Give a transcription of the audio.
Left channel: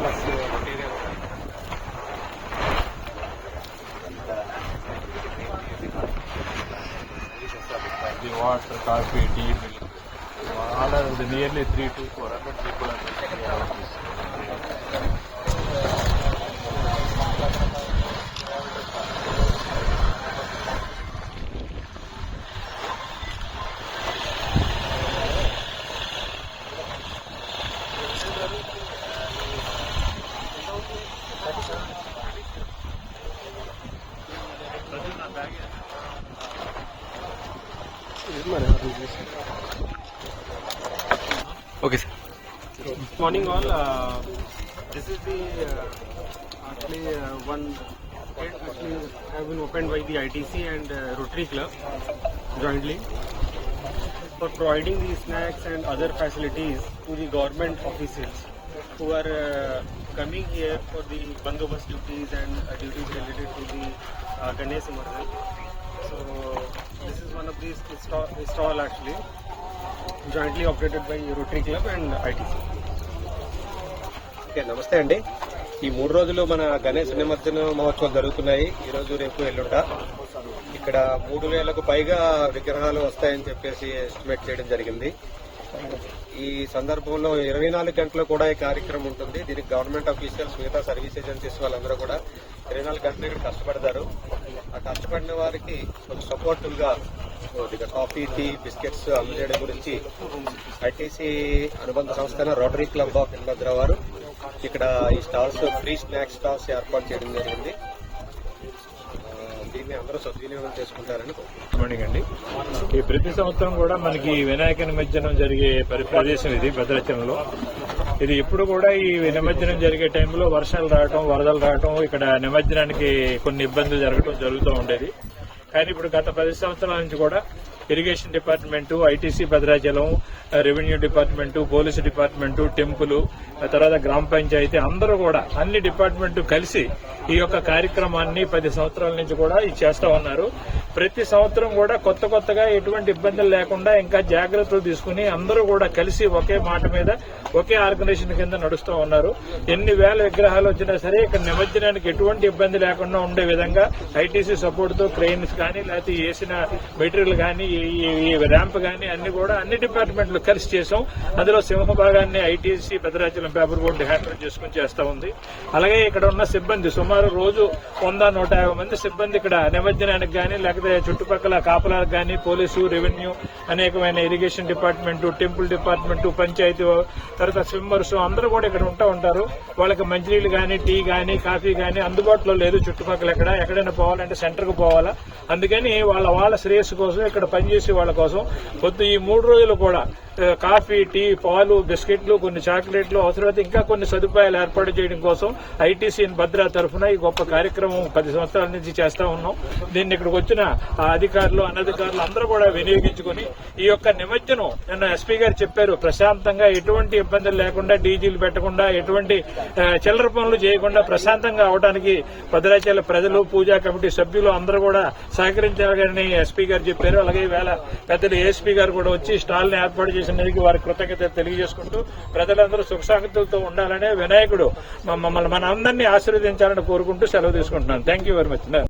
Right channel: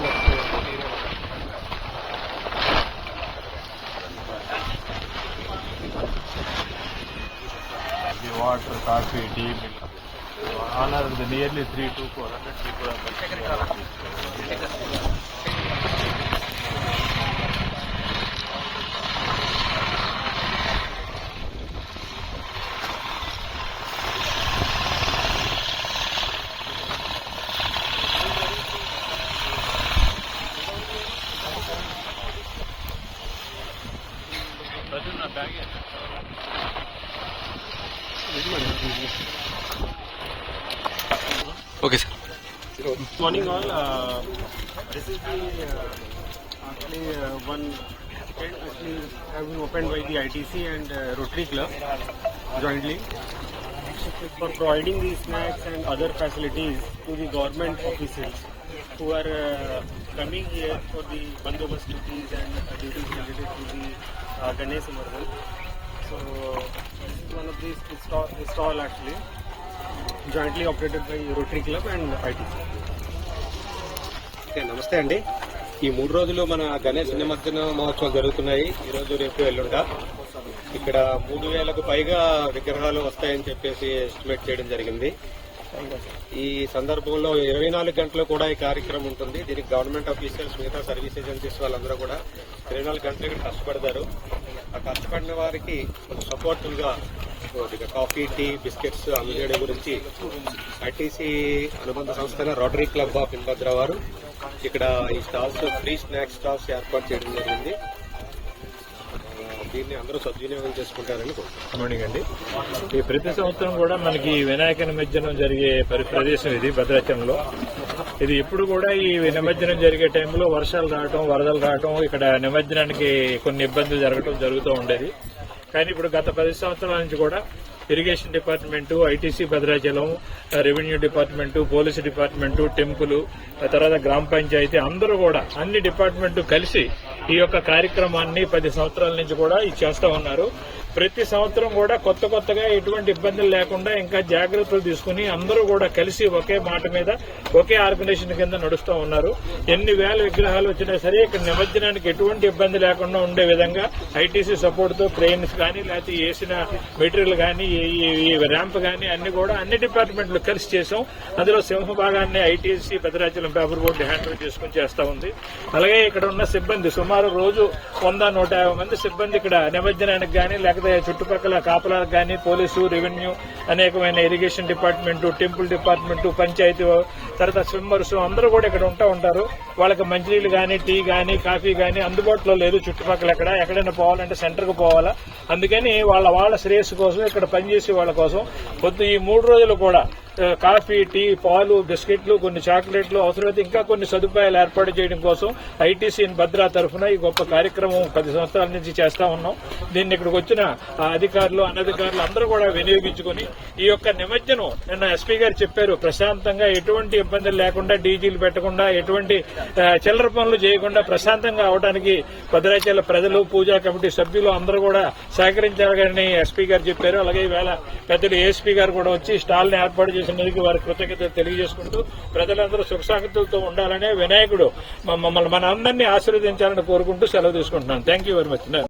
the water, coffee, tea, milk. All are the nearly three to four hundred people are Okay, sir. Good morning, all. Uh, this is the uh, actually uh, one actually have been opened by the ITC and uh, Rotary Club jointly for providing the snacks and other facilities to the government officials who are uh, coming here for the bandobas duties and uh, duties related to the uh, Ganesh Marvel. So this this, this, of the stall, actually jointly operated by Rotary Club and ITC. Okay నమస్తే అండి. ఈ మూడు రోజులు మన గణేష్ నిమజ్జన మహోత్సవం జరుగుతున్నాయి. ఈ రోజు రేపు ఎల్లుండ. ఇక్కడ మూడు వేలకు పైగా విగ్రహాలు వస్తాయని చెప్పేసి ఎస్టిమేట్ చేయడం జరిగింది. ఈ సందర్భంలో ఇరవై నాలుగు గంటలు కూడా ఈ కార్యక్రమం ఉంటుంది. దీనికి గవర్నమెంట్ ఆఫీషియల్స్ మిగతా సర్వీస్ ఏజెన్సీస్ వాళ్ళందరూ కూడా ఇరవై నాలుగు గంటలు ఇక్కడ కష్టపడతారు. ఆ కష్టపడిన వారికి ఒక సపోర్టివ్గా కాఫీ టీ బిస్కెట్స్ అందజేయడం గురించి ఐటీసీ అనుబంధ సంస్థ రోటరీ క్లబ్ ఆఫ్ ఇన్భద్ర వారు ఇక్కడ ఈ స్టాల్స్ ఫ్రీ స్నాక్స్ స్టాల్స్ ఏర్పాటు చేయడం జరిగింది. దీన్ని అందరూ సద్వినియోగం చేసుకుంటారని గుడ్ మార్నింగ్ అండి. ఈ ప్రతి సంవత్సరం కూడా మనకి వినాయక నిమజ్జనం జరిగే పరి- ప్రదేశం ఇది భద్రాచలంలో. ఇది ఎప్పుడు కూడా ఈ నిమజ్జనం జరిగే టైంలో వర్షాలు రావటం వరదలు రావటం ఇక్కడ నిమజ్జనానికి కొన్ని ఇబ్బందులు జరగటం జరుగుతూ ఉండేది. కానీ ఇప్పుడు గత పది సంవత్సరాల నుంచి కూడా irrigation department ITC Bhadrachalam revenue department police department temple ఆ తర్వాత గ్రామ పంచాయతీ అందరూ కూడా అన్ని డిపార్ట్మెంట్ కలిసి ఈ యొక్క కార్యక్రమాన్ని పది సంవత్సరాల నుంచి కూడా ఇది చేస్తా ఉన్నారు. ప్రతి సంవత్సరం కూడా కొత్త కొత్తగా ఎటువంటి ఇబ్బందులు లేకుండా ఇంకా జాగ్రత్తలు తీసుకుని అందరూ కూడా కలిసి ఒకే మాట మీద ఒకే ఆర్గనైజేషన్ కింద నడుస్తూ ఉన్నారు. ఎన్ని వేల విగ్రహాలు వచ్చినా సరే ఇక్కడ నిమజ్జనానికి ఎటువంటి ఇబ్బంది లేకుండా ఉండే విధంగా ఐటీసీ సపోర్ట్తో క్రెయిన్స్ కానీ లేకపోతే వేసిన మెటీరియల్ కానీ ర్యాంప్ కానీ అన్ని కూడా అన్ని డిపార్ట్మెంట్లు కలిసి చేసాం అందులో సింహ భాగాన్ని ITC Bhadrachalam paper board handle చేసుకుని చేస్తా ఉంది. అలాగే ఇక్కడ ఉన్న సిబ్బంది సుమారు రోజు వంద నూట యాభై మంది సిబ్బంది ఇక్కడ నిమజ్జనానికి కానీ లేకపోతే చుట్టుపక్కల కాపలాలకు కానీ పోలీసు రెవెన్యూ అనేకమైన irrigation department temple department panchayat తర్వాత స్విమ్మర్స్ అందరూ కూడా ఇక్కడ ఉంటా ఉంటారు. వాళ్ళకి మంచినీళ్ళు కానీ టీ కానీ కాఫీ కానీ అందుబాటులో లేదు చుట్టుపక్కల ఎక్కడ. ఎక్కడైనా పోవాలంటే సెంటర్కి పోవాలా. అందుకని వాళ్ళ వాళ్ళ శ్రేయస్సు కోసం ఇక్కడ పనిచేసే వాళ్ళ కోసం. పొద్దు ఈ మూడు రోజులు కూడా కాఫీ టీ పాలు బిస్కెట్లు కొన్ని చాక్లెట్లు అవసరమైతే ఇంకా కొన్ని సదుపాయాలు ఏర్పాటు చేయడం కోసం ఐటీసీ భద్రా తరఫున ఈ గొప్ప కార్యక్రమం పది సంవత్సరాల నుంచి చేస్తా ఉన్నాం. దీన్ని ఇక్కడికి వచ్చిన అధికారులు అనధికారులు అందరూ కూడా వినియోగించుకొని ఈ యొక్క నిమజ్జనం నిన్న ఎస్పీ గారు చెప్పారు. ప్రశాంతంగా ఎటువంటి ఇబ్బందులు లేకుండా డీజీలు పెట్టకుండా ఎటువంటి చిల్లర పనులు చేయకుండా ప్రశాంతంగా అవడానికి భద్రాచల ప్రజలు పూజా కమిటీ సభ్యులు అందరూ కూడా సహకరించాలని ఎస్పీ గారు చెప్పారు. అలాగే చాలా పెద్దలు ఏఎస్పీ గారు కూడా వచ్చి స్టాల్ని ఏర్పాటు చేసినందుకు వారి కృతజ్ఞత తెలియజేసుకుంటూ ప్రజలందరూ సుఖసాగతులతో ఉండాలనే వినాయకుడు మమ్మల్ని మనందరినీ ఆశీర్వదించాలని కోరుకుంటూ సెలవు తీసుకుంటున్నాను. Thank you very much